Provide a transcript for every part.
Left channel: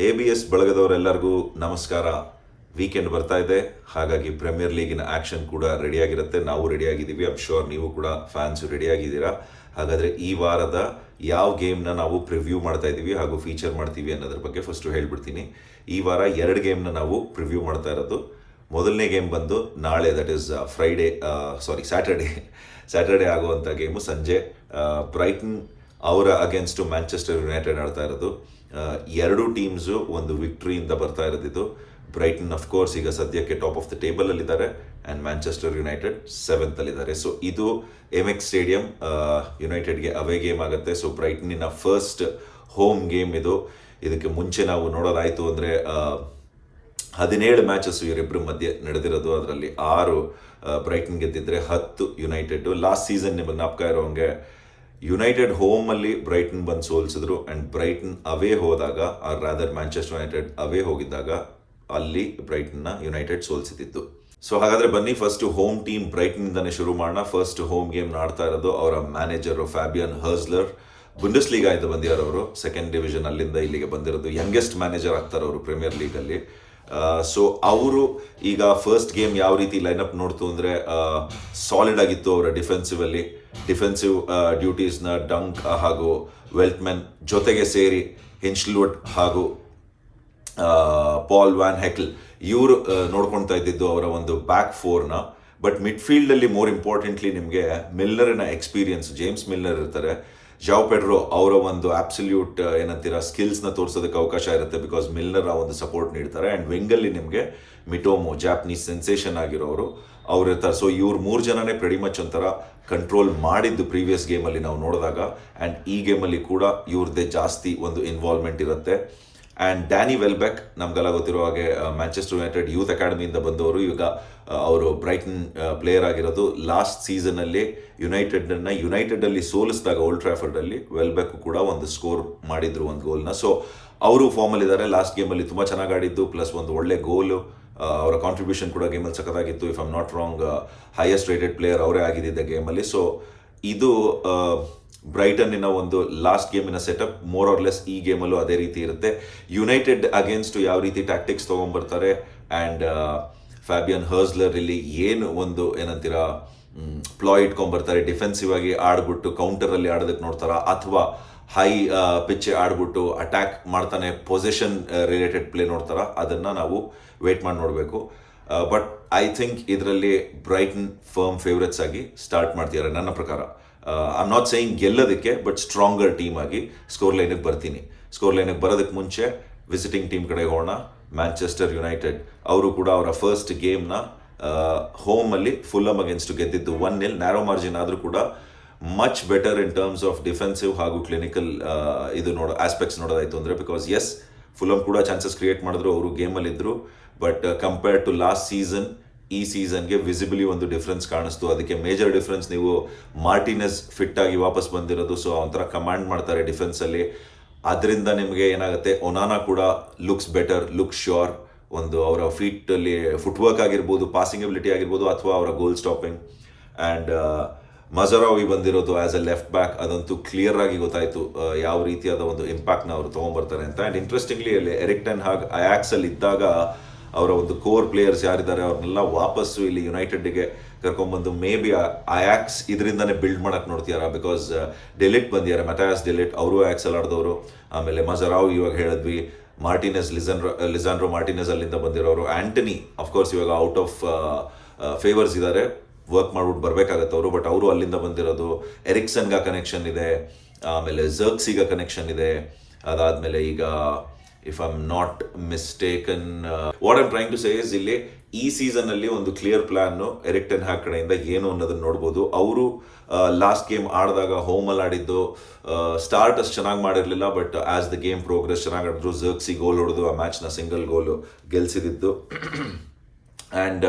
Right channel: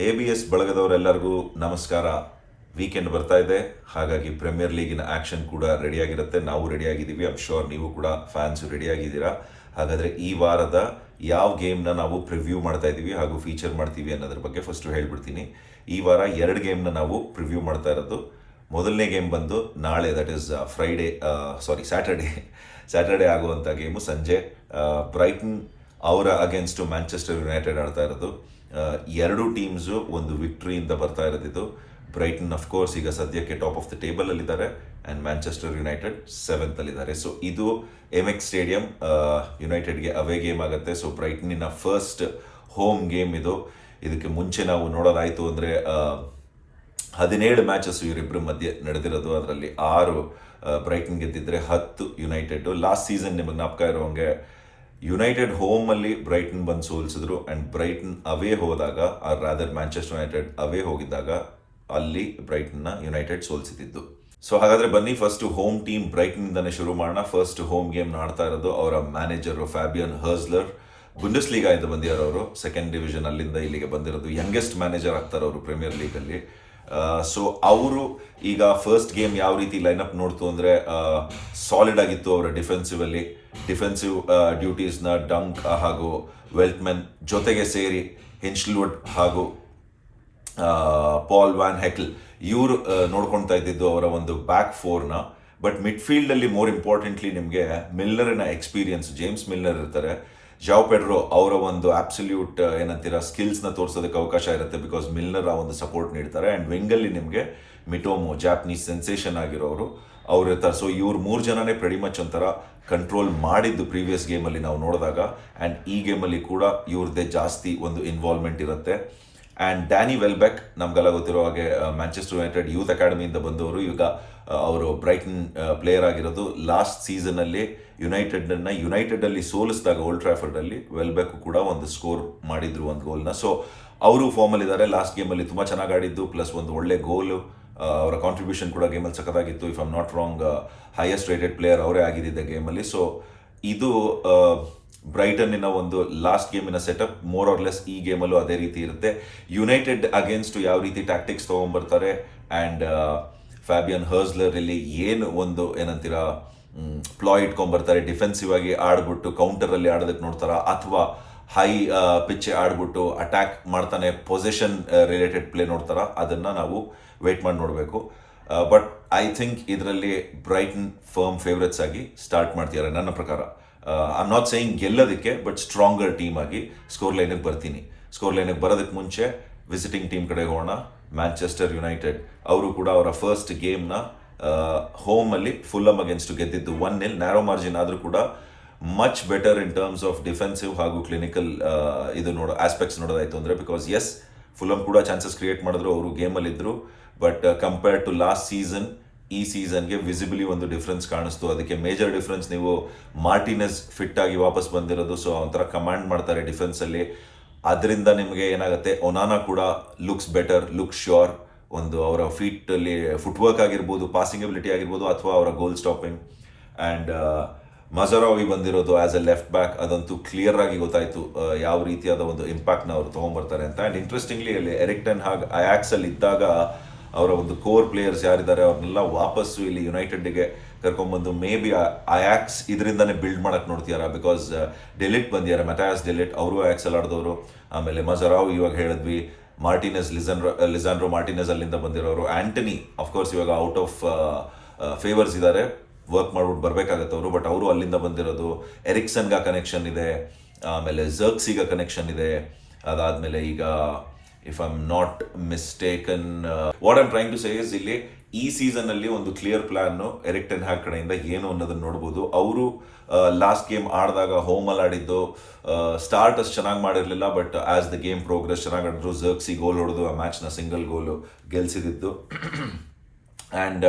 A B S ಬಳಗದವರೆಲ್ಲರಿಗೂ ನಮಸ್ಕಾರ. Weekend ಬರ್ತಾ ಇದೆ. ಹಾಗಾಗಿ ಪ್ರೀಮಿಯರ್ ಲೀಗಿನ ಆ್ಯಕ್ಷನ್ ಕೂಡ ರೆಡಿಯಾಗಿರುತ್ತೆ ನಾವು ರೆಡಿಯಾಗಿದ್ದೀವಿ ಐಮ್ ಶೋರ್ ನೀವು ಕೂಡ ಫ್ಯಾನ್ಸ್ ರೆಡಿಯಾಗಿದ್ದೀರಾ ಹಾಗಾದರೆ ಈ ವಾರದ ಯಾವ ಗೇಮ್ನ ನಾವು ಪ್ರಿವ್ಯೂ ಮಾಡ್ತಾ ಇದ್ದೀವಿ ಹಾಗೂ ಫೀಚರ್ ಮಾಡ್ತೀವಿ ಅನ್ನೋದ್ರ ಬಗ್ಗೆ ಫಸ್ಟು ಹೇಳ್ಬಿಡ್ತೀನಿ. ಈ ವಾರ ಎರಡು ಗೇಮ್ನ ನಾವು ಪ್ರಿವ್ಯೂ ಮಾಡ್ತಾ ಇರೋದು. ಮೊದಲನೇ ಗೇಮ್ ಬಂದು ನಾಳೆ that is Friday sorry Saturday Saturday ಆಗುವಂಥ ಗೇಮು ಸಂಜೆ ಬ್ರೈಟನ್ ಅವರ ಅಗೇನ್ಸ್ಟು ಮ್ಯಾಂಚೆಸ್ಟರ್ ಯುನೈಟೆಡ್ ಆಡ್ತಾ ಇರೋದು. ಎರಡು ಟೀಮ್ಸು ಒಂದು ವಿಕ್ಟ್ರಿಯಿಂದ ಬರ್ತಾ ಇರೋದಿದ್ದು ಬ್ರೈಟನ್ ಕೋರ್ಸ್ ಈಗ ಸದ್ಯಕ್ಕೆ ಟಾಪ್ ಆಫ್ ದ ಟೇಬಲ್ ಅಲ್ಲಿದ್ದಾರೆ. ಆ್ಯಂಡ್ ಮ್ಯಾಂಚೆಸ್ಟರ್ ಯುನೈಟೆಡ್ ಸೆವೆಂತ್ ಅಲ್ಲಿದ್ದಾರೆ. ಸೊ ಇದು ಎಂ ಎಕ್ಸ್ ಸ್ಟೇಡಿಯಂ ಯುನೈಟೆಡ್ಗೆ ಅವೇ ಗೇಮ್ ಆಗುತ್ತೆ. ಸೊ ಬ್ರೈಟನಿನ ಫಸ್ಟ್ ಹೋಮ್ ಗೇಮ್ ಇದು. ಇದಕ್ಕೆ ಮುಂಚೆ ನಾವು ನೋಡೋದಾಯಿತು ಅಂದರೆ ಹದಿನೇಳು ಮ್ಯಾಚಸ್ ಇವರಿಬ್ಬರ ಮಧ್ಯೆ ನಡೆದಿರೋದು ಅದರಲ್ಲಿ. ಆರು ಬ್ರೈಟನ್ ಗೆದ್ದಿದ್ರೆ ಹತ್ತು ಯುನೈಟೆಡ್ ಲಾಸ್ಟ್ ಸೀಸನ್ ನಿಮಗೆ ಜ್ಞಾಪಕ ಇರೋಂಗೆ ಯುನೈಟೆಡ್ ಹೋಮಲ್ಲಿ ಬ್ರೈಟನ್ ಬಂದು ಸೋಲಿಸಿದ್ರು ಆ್ಯಂಡ್ ಬ್ರೈಟನ್ ಅವೇ ಹೋದಾಗ or rather Manchester United away ಹೋಗಿದ್ದಾಗ, ಅಲ್ಲಿ ಬ್ರೈಟನ್ನ ಯುನೈಟೆಡ್ ಸೋಲಿಸಿದ್ದು ಸೊ ಹಾಗಾದ್ರೆ ಬನ್ನಿ ಫಸ್ಟ್ ಹೋಮ್ ಟೀಮ್ ಬ್ರೈಟನ್ನಿಂದನೇ ಶುರು ಮಾಡೋಣ. ಫಸ್ಟ್ ಹೋಮ್ ಗೇಮ್ ಆಡ್ತಾ ಇರೋದು ಅವರ ಮ್ಯಾನೇಜರು ಫ್ಯಾಬಿಯನ್ ಹರ್ಸ್ಲರ್ ಬುಂಡಸ್ ಲೀಗಾಯಿಂದ ಬಂದಿರೋರು ಅವರು. ಸೆಕೆಂಡ್ ಡಿವಿಷನ್ ಅಲ್ಲಿಂದ ಇಲ್ಲಿಗೆ ಬಂದಿರೋದು. ಯಂಗೆಸ್ಟ್ ಮ್ಯಾನೇಜರ್ ಆಗ್ತಾರೆ ಅವರು ಪ್ರೀಮಿಯರ್ ಲೀಗಲ್ಲಿ ಸೊ ಅವರು ಈಗ ಫಸ್ಟ್ ಗೇಮ್ ಯಾವ ರೀತಿ ಲೈನಪ್ ನೋಡ್ತು ಅಂದರೆ ಸಾಲಿಡ್ ಆಗಿತ್ತು ಅವರ ಡಿಫೆನ್ಸಿವ್ ಅಲ್ಲಿ. ಡಿಫೆನ್ಸಿವ್ ಡ್ಯೂಟೀಸ್ನ ಡಂಕ್ ಹಾಗೂ ವೆಲ್ಟ್ಮೆನ್ ಜೊತೆಗೆ ಸೇರಿ ಹಿನ್ಸ್ಲ್ವುಡ್ ಹಾಗೂ ಪಾಲ್ ವ್ಯಾನ್ ಹೆಕ್ಲ್ ಇವರು ನೋಡ್ಕೊಳ್ತಾ ಇದ್ದಿದ್ದು ಅವರ ಒಂದು ಬ್ಯಾಕ್ ಫೋರ್ನ ಬಟ್ ಮಿಡ್ಫೀಲ್ಡಲ್ಲಿ ಮೋರ್ ಇಂಪಾರ್ಟೆಂಟ್ಲಿ ನಿಮಗೆ ಮಿಲ್ಲರಿನ ಎಕ್ಸ್ಪೀರಿಯನ್ಸ್ ಜೇಮ್ಸ್ ಮಿಲ್ಲರ್ ಇರ್ತಾರೆ. ಜಾವ್ ಪೆಡ್ರೋ ಅವರ ಒಂದು ಆಬ್ಸಲ್ಯೂಟ್ ಏನಂತೀರ ಸ್ಕಿಲ್ಸ್ನ ತೋರಿಸೋದಕ್ಕೆ ಅವಕಾಶ ಇರುತ್ತೆ ಬಿಕಾಸ್ ಮಿಲ್ಲರ್ ಆ ಒಂದು ಸಪೋರ್ಟ್ ನೀಡ್ತಾರೆ. ಆ್ಯಂಡ್ ವಿಂಗಲ್ಲಿ ನಿಮಗೆ ಮಿಟೋಮೋ ಜಾಪನೀಸ್ ಸೆನ್ಸೇಷನ್ ಆಗಿರೋರು ಅವ್ರು ಇರ್ತಾರೆ. ಸೊ ಇವ್ರು ಮೂರು ಜನನೇ ಪ್ರೆಡಿ ಮಚ್ ಒಂಥರ ಕಂಟ್ರೋಲ್ ಮಾಡಿದ್ದು ಪ್ರೀವಿಯಸ್ ಗೇಮಲ್ಲಿ ನಾವು ನೋಡಿದಾಗ. ಆ್ಯಂಡ್ ಈ ಗೇಮಲ್ಲಿ ಕೂಡ ಇವ್ರದ್ದೇ ಜಾಸ್ತಿ ಒಂದು ಇನ್ವಾಲ್ವ್ಮೆಂಟ್ ಇರುತ್ತೆ. ಆ್ಯಂಡ್ ಡ್ಯಾನಿ ವೆಲ್ಬೆಕ್ ನಮಗೆಲ್ಲ ಗೊತ್ತಿರೋ ಹಾಗೆ ಮ್ಯಾಂಚೆಸ್ಟರ್ ಯುನೈಟೆಡ್ ಯೂತ್ ಅಕಾಡೆಮಿಯಿಂದ ಬಂದವರು. ಈಗ ಅವರು ಬ್ರೈಟನ್ ಪ್ಲೇಯರ್ ಆಗಿರೋದು. ಲಾಸ್ಟ್ ಸೀಸನಲ್ಲಿ ಯುನೈಟೆಡನ್ನ ಯುನೈಟೆಡಲ್ಲಿ ಸೋಲಿಸಿದಾಗ ಓಲ್ಡ್ ಟ್ರಾಫರ್ಡಲ್ಲಿ ವೆಲ್ಬೆಕ್ ಕೂಡ ಒಂದು ಸ್ಕೋರ್ ಮಾಡಿದ್ರು, ಒಂದು ಗೋಲ್ನ ಸೊ ಅವರು ಫಾರ್ಮಲ್ಲಿದ್ದಾರೆ ಲಾಸ್ಟ್ ಗೇಮಲ್ಲಿ ತುಂಬ ಚೆನ್ನಾಗಿ ಆಡಿದ್ದು ಪ್ಲಸ್ ಒಂದು ಒಳ್ಳೆ ಗೋಲು ಅವರ ಕಾಂಟ್ರಿಬ್ಯೂಷನ್ ಕೂಡ ಗೇಮಲ್ಲಿ ಸಖತ್ತಾಗಿತ್ತು. If I'm not wrong highest rated player ಅವರೇ ಆಗಿದ್ದಿದ್ದ ಗೇಮಲ್ಲಿ ಸೊ ಇದು ಬ್ರೈಟನ್ನಿನ ಒಂದು ಲಾಸ್ಟ್ ಗೇಮಿನ ಸೆಟಪ್ ಮೋರ್ ಆರ್ ಲೆಸ್ ಈ ಗೇಮಲ್ಲೂ ಅದೇ ರೀತಿ ಇರುತ್ತೆ. ಯುನೈಟೆಡ್ ಅಗೇನ್ಸ್ಟ್ ಯಾವ ರೀತಿ ಟ್ಯಾಕ್ಟಿಕ್ಸ್ ತೊಗೊಂಬರ್ತಾರೆ ಆ್ಯಂಡ್ ಫ್ಯಾಬಿಯನ್ ಹರ್ಸ್ಲರ್ ಇಲ್ಲಿ ಏನು ಒಂದು ಏನಂತೀರ ಪ್ಲಾ ಇಟ್ಕೊಂಡ್ಬರ್ತಾರೆ ಡಿಫೆನ್ಸಿವ್ ಆಗಿ ಆಡ್ಬಿಟ್ಟು ಕೌಂಟರಲ್ಲಿ ಆಡೋದಕ್ಕೆ ನೋಡ್ತಾರ ಅಥವಾ ಹೈ ಪಿಚ್ ಆಡ್ಬಿಟ್ಟು ಅಟ್ಯಾಕ್ ಮಾಡ್ತಾನೆ ಪೊಸಿಷನ್ ರಿಲೇಟೆಡ್ ಪ್ಲೇ ನೋಡ್ತಾರ ಅದನ್ನು ನಾವು ವೇಟ್ ಮಾಡಿ ನೋಡಬೇಕು. ಬಟ್ ಐ ಥಿಂಕ್ ಇದರಲ್ಲಿ ಬ್ರೈಟನ್ ಫರ್ಮ್ ಫೇವ್ರೆಟ್ಸ್ ಆಗಿ ಸ್ಟಾರ್ಟ್ ಮಾಡ್ತಿದ್ದಾರೆ ನನ್ನ ಪ್ರಕಾರ. ಐ ನಾಟ್ ಸೇಯಿಂಗ್ ಗೆಲ್ಲೋದಕ್ಕೆ ಬಟ್ ಸ್ಟ್ರಾಂಗರ್ ಟೀಮ್ ಆಗಿ ಸ್ಕೋರ್ ಲೈನಿಗೆ ಬರ್ತೀನಿ. ಸ್ಕೋರ್ ಲೈನಿಗೆ ಬರೋದಕ್ಕೆ ಮುಂಚೆ ವಿಸಿಟಿಂಗ್ ಟೀಮ್ ಕಡೆ ಹೋಗೋಣ. ಮ್ಯಾಂಚೆಸ್ಟರ್ ಯುನೈಟೆಡ್ ಅವರು ಕೂಡ ಅವರ ಫಸ್ಟ್ ಗೇಮ್ನ ಹೋಮಲ್ಲಿ ಫುಲ್ಲಮ್ ಅಗೇನ್ಸ್ಟ್ ಗೆದ್ದಿದ್ದು ಒನ್ ನಿಲ್ ನ್ಯಾರೋ ಮಾರ್ಜಿನ್ ಆದರೂ ಕೂಡ much better in terms of defensive ಹಾಗೂ ಕ್ಲಿನಿಕಲ್ ಇದು ನೋಡೋ ಆಸ್ಪೆಕ್ಟ್ಸ್ ನೋಡೋದಾಯಿತು ಅಂದರೆ ಬಿಕಾಸ್ ಎಸ್ ಫುಲಮ್ ಕೂಡ ಚಾನ್ಸಸ್ ಕ್ರಿಯೇಟ್ ಮಾಡಿದ್ರು, ಅವರು ಗೇಮಲ್ಲಿ ಇದ್ರು but compared to last season ಈ ಸೀಸನ್ಗೆ ವಿಸಿಬಲಿ ಒಂದು ಡಿಫ್ರೆನ್ಸ್ ಕಾಣಿಸ್ತು. ಅದಕ್ಕೆ ಮೇಜರ್ ಡಿಫ್ರೆನ್ಸ್ ನೀವು ಮಾರ್ಟಿನೆಸ್ ಫಿಟ್ ಆಗಿ ವಾಪಸ್ ಬಂದಿರೋದು. ಸೊ ಒಂಥರ ಕಮಾಂಡ್ ಮಾಡ್ತಾರೆ ಡಿಫೆನ್ಸಲ್ಲಿ ಅದರಿಂದ ನಿಮಗೆ ಏನಾಗುತ್ತೆ? ಒನಾನಾ ಕೂಡ ಲುಕ್ಸ್ ಬೆಟರ್ ಲುಕ್ ಶ್ಯೂರ್ ಒಂದು ಅವರ ಫೀಟಲ್ಲಿ ಫುಟ್ವರ್ಕ್ ಆಗಿರ್ಬೋದು ಪಾಸಿಂಗ್ ಎಬಿಲಿಟಿ ಆಗಿರ್ಬೋದು, ಅಥವಾ ಅವರ ಗೋಲ್ ಸ್ಟಾಪಿಂಗ್ ಆ್ಯಂಡ್ ಮಜರಾವಿ ಬಂದಿರೋದು ಆ್ಯಸ್ ಎ ಲೆಫ್ಟ್ ಬ್ಯಾಕ್ ಅದಂತೂ ಕ್ಲಿಯರ್ ಆಗಿ ಗೊತ್ತಾಯಿತು ಯಾವ ರೀತಿಯಾದ ಒಂದು ಇಂಪ್ಯಾಕ್ಟ್ನ ಅವರು ತೊಗೊಂಬರ್ತಾರೆ ಅಂತ. ಆ್ಯಂಡ್ ಇಂಟ್ರೆಸ್ಟಿಂಗ್ಲಿ ಅಲ್ಲಿ ಎರಿಕ್ಟನ್ ಹಾಗ್ ಆ್ಯಕ್ಸಲ್ಲಿ ಇದ್ದಾಗ ಅವರ ಒಂದು ಕೋರ್ ಪ್ಲೇಯರ್ಸ್ ಯಾರಿದ್ದಾರೆ ಅವ್ರನ್ನೆಲ್ಲ ವಾಪಸ್ಸು ಇಲ್ಲಿ ಯುನೈಟೆಡ್ಗೆ ಕರ್ಕೊಂಬಂದು ಮೇ ಬಿ ಅಯಾಕ್ಸ್ ಇದರಿಂದನೇ ಬಿಲ್ಡ್ ಮಾಡಕ್ಕೆ ನೋಡ್ತೀಯಾರ? ಬಿಕಾಸ್ ಡೆಲಿಟ್ ಬಂದಿದ್ದಾರೆ ಮೆಟಾಯಾಸ್ ಡೆಲಿಟ್ ಅವರು ಅಯಾಕ್ಸಲ್ಲಿ ಆಡಿದವರು. ಆಮೇಲೆ ಮಜರಾವ್ ಇವಾಗ ಹೇಳಿದ್ವಿ. ಮಾರ್ಟಿನೆಸ್ ಲಿಸನ್ರೋ ಲಿಸಾಂಡ್ರೋ ಮಾರ್ಟಿನೆಸ್ ಅಲ್ಲಿಂದ ಬಂದಿರೋರು. ಆಂಟನಿ ಅಫ್ಕೋರ್ಸ್ ಇವಾಗ ಔಟ್ ಆಫ್ ಫೇವರ್ಸ್ ಇದ್ದಾರೆ ವರ್ಕ್ ಮಾಡ್ಬಿಟ್ಟು ಬರಬೇಕಾಗತ್ತೆ ಅವರು ಬಟ್ ಅವರು ಅಲ್ಲಿಂದ ಬಂದಿರೋದು. ಎರಿಕ್ಸನ್ಗ ಕನೆಕ್ಷನ್ ಇದೆ. ಆಮೇಲೆ ಜರ್ಕ್ಸಿಗ ಕನೆಕ್ಷನ್ ಇದೆ. ಅದಾದಮೇಲೆ ಈಗ if I am not mistaken what I'm trying to say is ಇಲ್ಲಿ ಈ ಸೀಸನ್ ಅಲ್ಲಿ ಒಂದು ಕ್ಲಿಯರ್ ಪ್ಲಾನ್ ಎರಿಕ್ಟನ್ ಹ್ಯಾಕ್ ಕಡೆಯಿಂದ ಏನು ಅನ್ನೋದನ್ನ ನೋಡ್ಬೋದು. ಅವರು ಲಾಸ್ಟ್ ಗೇಮ್ ಆಡಿದಾಗ ಹೋಮಲ್ಲಿ ಆಡಿದ್ದು ಸ್ಟಾರ್ಟ್ ಅಷ್ಟು ಚೆನ್ನಾಗಿ ಮಾಡಿರಲಿಲ್ಲ but as the game progress ಚೆನ್ನಾಗಿ ಆಡಿದ್ರು ಜರ್ಕ್ಸಿ ಗೋಲ್ ಹೊಡೆದು ಆ ಮ್ಯಾಚ್ನ ಸಿಂಗಲ್ ಗೋಲು ಗೆಲ್ಸಿದಿದ್ದು ಆ್ಯಂಡ್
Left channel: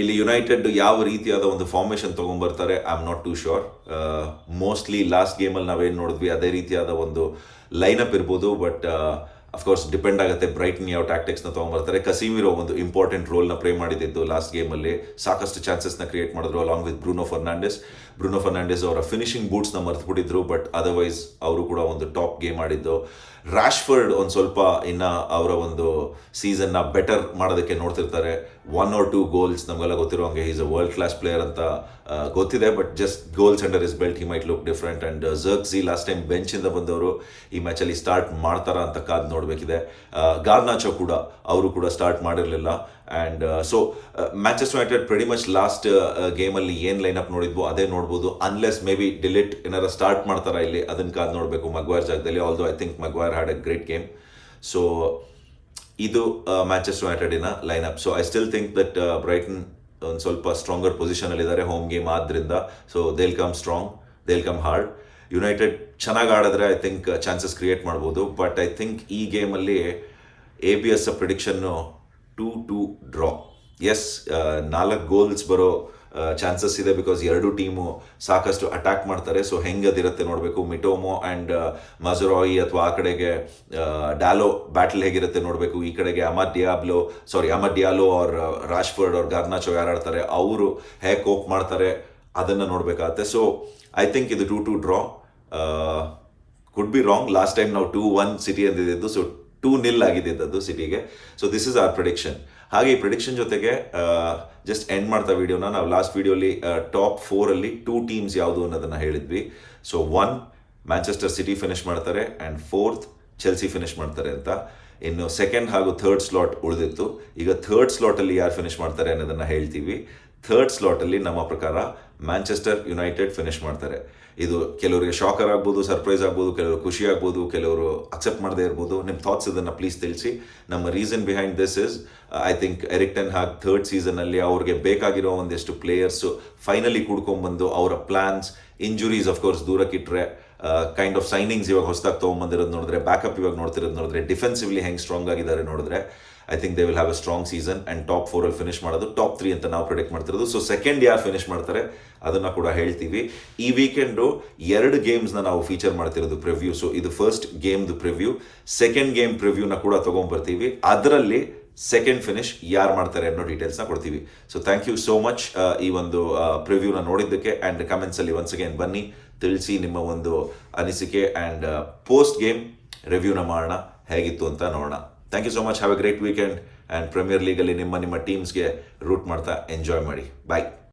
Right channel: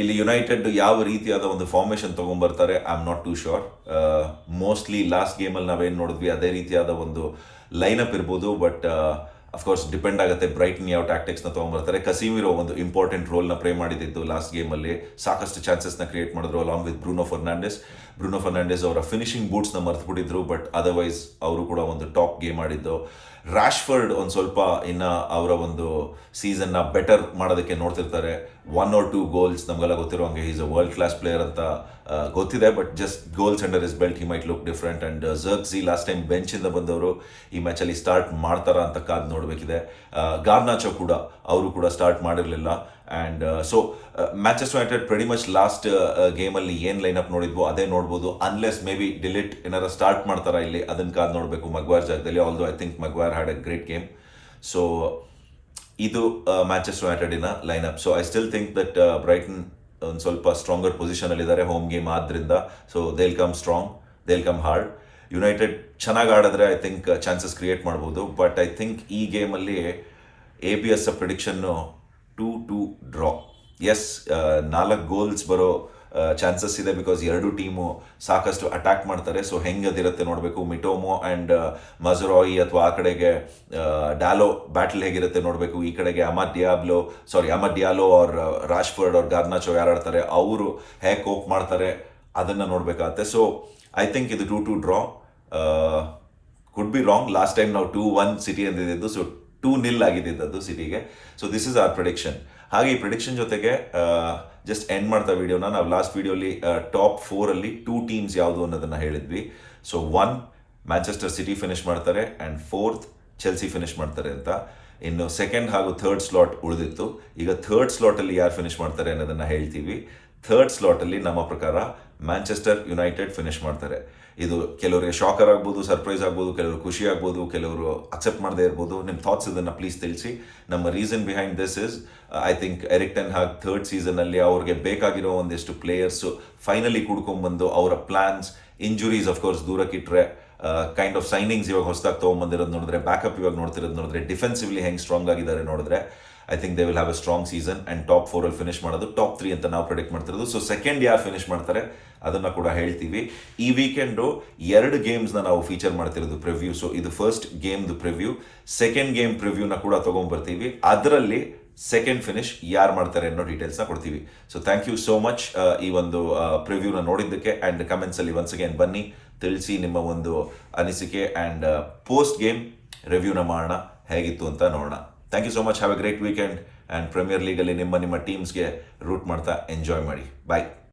ಇಲ್ಲಿ ಯುನೈಟೆಡ್ ಯಾವ ರೀತಿಯಾದ ಒಂದು formation ತೊಗೊಂಬರ್ತಾರೆ I am not too sure mostly last ಗೇಮಲ್ಲಿ ನಾವೇನು ನೋಡಿದ್ವಿ, ಅದೇ ರೀತಿಯಾದ ಒಂದು ಲೈನಪ್ ಇರ್ಬೋದು ಬಟ್ ಅಫ್ಕೋರ್ಸ್ ಡಿಪೆಂಡ್ ಆಗುತ್ತೆ ಬ್ರೈಟ್ನ್ ಯಾವ ಟ್ಯಾಕ್ಟಿಕ್ಸ್ನ ತೊಗೊಂಬರ್ತಾರೆ. ಕಸೀಮಿರೋ ಒಂದು ಇಂಪಾರ್ಟೆಂಟ್ ರೋಲ್ನ ಪ್ಲೇ ಮಾಡಿದ್ದು ಲಾಸ್ಟ್ ಗೇಮಲ್ಲಿ ಸಾಕಷ್ಟು ಚಾನ್ಸಸ್ನ ಕ್ರಿಯೇಟ್ ಮಾಡಿದ್ರು along with Bruno Fernandes Bruno Fernandes ಅವರ ಫಿನಿಶಿಂಗ್ ಬೂಟ್ಸ್ನ ಮರ್ತ್ಬಿಟ್ಟಿದ್ರು ಬಟ್ ಅದರ್ವೈಸ್ ಅವರು ಕೂಡ ಒಂದು ಟಾಪ್ ಗೇಮ್ ಆಡಿದ್ದು. ರಾಶ್ಫರ್ಡ್ ಒಂದು ಸ್ವಲ್ಪ ಇನ್ನು ಅವರ ಒಂದು ಸೀಸನ್ನ ಬೆಟರ್ ಮಾಡೋದಕ್ಕೆ ನೋಡ್ತಿರ್ತಾರೆ. ಒನ್ ಆರ್ ಟೂ ಗೋಲ್ಸ್ ನಮಗೆಲ್ಲ ಗೊತ್ತಿರೋ ಹಂಗೆ is a world class player ಅಂತ ಗೊತ್ತಿದೆ but just goals under his belt he might look different and Zirkzee last time ಬೆಂಚಿಂದ ಬಂದವರು ಈ ಮ್ಯಾಚಲ್ಲಿ ಸ್ಟಾರ್ಟ್ ಮಾಡ್ತಾರಾ ಅಂತ ಕಾದು ನೋಡಬೇಕಿದೆ. ಗಾರ್ನಾಚೋ ಕೂಡ, ಅವರು ಕೂಡ ಸ್ಟಾರ್ಟ್ ಮಾಡಿರಲಿಲ್ಲ. And so matches United pretty much last ಗೇಮಲ್ಲಿ ಏನು ಲೈನಪ್ ನೋಡಿದ್ವೋ ಅದೇ ನೋಡ್ಬೋದು. ಅನ್ಲೆಸ್ ಮೇ ಬಿ ಡಿಲಿಟ್ ಏನಾರ ಸ್ಟಾರ್ಟ್ ಮಾಡ್ತಾರಾ ಇಲ್ಲಿ ಅದನ್ನು ಕಾದು ನೋಡಬೇಕು ಮಗ್ವಾರ್ ಜಾಗದಲ್ಲಿ. Although I think Maguire had a great game so ಇದು matches ಯುನೈಟೆಡಿನ lineup so I still think that Brighton ಒಂದು ಸ್ವಲ್ಪ ಸ್ಟ್ರಾಂಗರ್ ಪೊಸಿಷನಲ್ಲಿದ್ದಾರೆ ಹೋಮ್ ಗೇಮ್ ಆದ್ದರಿಂದ so they'll come strong they'll come hard United ಚೆನ್ನಾಗಿ ಆಡಿದ್ರೆ ಐ ಥಿಂಕ್ ಚಾನ್ಸಸ್ ಕ್ರಿಯೇಟ್ ಮಾಡ್ಬೋದು. But I think ಈ ಗೇಮಲ್ಲಿ A B S prediction two to draw S ನಾಲ್ಕು ಗೋಲ್ಸ್ ಬರೋ ಚಾನ್ಸಸ್ ಇದೆ ಬಿಕಾಸ್ ಎರಡು ಟೀಮು ಸಾಕಷ್ಟು ಅಟ್ಯಾಕ್ ಮಾಡ್ತಾರೆ. ಸೊ ಹೆಂಗೆ ಅದಿರುತ್ತೆ ನೋಡಬೇಕು ಮಿಟೋಮೊ ಆ್ಯಂಡ್ ಮಜರಾಯಿ ಅಥವಾ ಆ ಕಡೆಗೆ ಡ್ಯಾಲೋ ಬ್ಯಾಟಲ್ ಹೇಗಿರುತ್ತೆ ನೋಡಬೇಕು. ಈ ಕಡೆಗೆ ಅಮರ್ ಡಿಯಾಬ್ಲೋ ಸಾರಿ ಅಮರ್ ಡಿಯಾಲೋ ಅವ್ರ ರಾಜ್ಫರ್ಡ್ ಅವ್ರ ಗಾರ್ನಾಚೋ ಯಾರು ಆಡ್ತಾರೆ, ಅವರು ಹೇಗೆ ಕೋಪ್ ಮಾಡ್ತಾರೆ. ಅದನ್ನು ನೋಡಬೇಕಾಗತ್ತೆ. ಸೊ ಐ ಥಿಂಕ್ ಇದು two two draw could be wrong last time ನಾವು ಟೂ ಒನ್ ಸಿಟಿ ಅಂದಿದ್ದು. ಸೊ ಟೂ ನಿಲ್ ಆಗಿದ್ದು ಸಿಟಿಗೆ. So this is our prediction ಹಾಗೆ ಈ ಪ್ರಿಡಿಕ್ಷನ್ ಜೊತೆಗೆ ಜಸ್ಟ್ ಎಂಡ್ ಮಾಡ್ತಾ ವಿಡಿಯೋನ ನಾವು ಲಾಸ್ಟ್ ವಿಡಿಯೋಲಿ ಟಾಪ್ ಫೋರಲ್ಲಿ ಟೂ ಟೀಮ್ಸ್ ಯಾವುದು ಅನ್ನೋದನ್ನ ಹೇಳಿದ್ವಿ. So one Manchester City finish ಮಾಡ್ತಾರೆ ಆ್ಯಂಡ್ ಫೋರ್ತ್ ಚೆಲ್ಸಿ ಫಿನಿಶ್ ಮಾಡ್ತಾರೆ ಅಂತ. ಇನ್ನು ಸೆಕೆಂಡ್ ಹಾಗೂ ಥರ್ಡ್ ಸ್ಲಾಟ್ ಉಳಿದಿತ್ತು. ಈಗ ಥರ್ಡ್ ಸ್ಲಾಟಲ್ಲಿ ಯಾರು ಫಿನಿಶ್ ಮಾಡ್ತಾರೆ ಅನ್ನೋದನ್ನು ಹೇಳ್ತೀವಿ. ಥರ್ಡ್ ಸ್ಲಾಟಲ್ಲಿ ನಮ್ಮ ಪ್ರಕಾರ ಮ್ಯಾಂಚೆಸ್ಟರ್ ಯುನೈಟೆಡ್ ಫಿನಿಶ್ ಮಾಡ್ತಾರೆ. ಇದು ಕೆಲವರಿಗೆ ಶಾಕರ್ ಆಗ್ಬೋದು ಸರ್ಪ್ರೈಸ್ ಆಗ್ಬೋದು, ಕೆಲವರು ಖುಷಿ ಆಗ್ಬೋದು, ಕೆಲವರು ಅಕ್ಸೆಪ್ಟ್ ಮಾಡದೇ ಇರ್ಬೋದು. ನಿಮ್ಮ ಥಾಟ್ಸ್ ಇದನ್ನು ಪ್ಲೀಸ್ ತಿಳಿಸಿ. ನಮ್ಮ reason behind this is I think Erik ten Hag third ಸೀಸನಲ್ಲಿ ಅವ್ರಿಗೆ ಬೇಕಾಗಿರೋ ಒಂದಿಷ್ಟು ಪ್ಲೇಯರ್ಸು ಫೈನಲಿ ಕುಡ್ಕೊಂಡ್ಬಂದು ಅವರ ಪ್ಲ್ಯಾನ್ಸ್ ಇಂಜುರೀಸ್ ಅಫ್ಕೋರ್ಸ್ ದೂರಕ್ಕಿಟ್ರೆ ಕೈಂಡ್ ಆಫ್ ಸೈನಿಂಗ್ಸ್ ಇವಾಗ ಹೊಸದಾಗಿ ತೊಗೊಂಬಂದಿರೋದು ನೋಡಿದ್ರೆ ಬ್ಯಾಕಪ್ ಇವಾಗ ನೋಡ್ತಿರೋದು ನೋಡಿದ್ರೆ ಡಿಫೆನ್ಸಿವ್ಲಿ ಹೆಂಗೆ ಸ್ಟ್ರಾಂಗ್ ಆಗಿದ್ದಾರೆ ನೋಡಿದ್ರೆ I think they will have a strong season and top ಫೋರಲ್ಲಿ finish ಮಾಡೋದು ಟಾಪ್ ತ್ರೀ ಅಂತ ನಾವು ಪ್ರಿಡಿಕ್ಟ್ ಮಾಡ್ತಿರೋದು. ಸೊ ಸೆಕೆಂಡ್ ಯಾರು ಫಿನಿಶ್ ಮಾಡ್ತಾರೆ, ಅದನ್ನು ಕೂಡ ಹೇಳ್ತೀವಿ. ಈ ವೀಕೆಂಡು ಎರಡು ಗೇಮ್ಸ್ನ ನಾವು ಫೀಚರ್ ಮಾಡ್ತಿರೋದು ಪ್ರಿವ್ಯೂ ಸೊ ಇದು ಫಸ್ಟ್ ಗೇಮ್ದು ಪ್ರಿವ್ಯೂ ಸೆಕೆಂಡ್ ಗೇಮ್ ಪ್ರಿವ್ಯೂನ ಕೂಡ ತೊಗೊಂಬರ್ತೀವಿ. ಅದರಲ್ಲಿ ಸೆಕೆಂಡ್ ಫಿನಿಶ್ ಯಾರು ಮಾಡ್ತಾರೆ ಅನ್ನೋ ಡೀಟೇಲ್ಸ್ನ ಕೊಡ್ತೀವಿ. So thank you so much ಈ ಒಂದು ಪ್ರಿವ್ಯೂನ ನೋಡಿದ್ದಕ್ಕೆ ಆ್ಯಂಡ್ ಕಮೆಂಟ್ಸಲ್ಲಿ ಒನ್ಸ್ ಅಗೇನ್ ಬನ್ನಿ. ತಿಳಿಸಿ ನಿಮ್ಮ ಒಂದು ಅನಿಸಿಕೆ ಆ್ಯಂಡ್ ಪೋಸ್ಟ್ ಗೇಮ್ ರಿವ್ಯೂನ ಮಾಡೋಣ, ಹೇಗಿತ್ತು ಅಂತ ನೋಡೋಣ. Thank you so much have a great weekend and premier legally ನಿಮ್ಮ ನಿಮ್ಮ ಟೀಮ್ಸ್ಗೆ ರೂಟ್ ಮಾಡ್ತಾ ಎಂಜಾಯ್ ಮಾಡಿ. ಬಾಯ್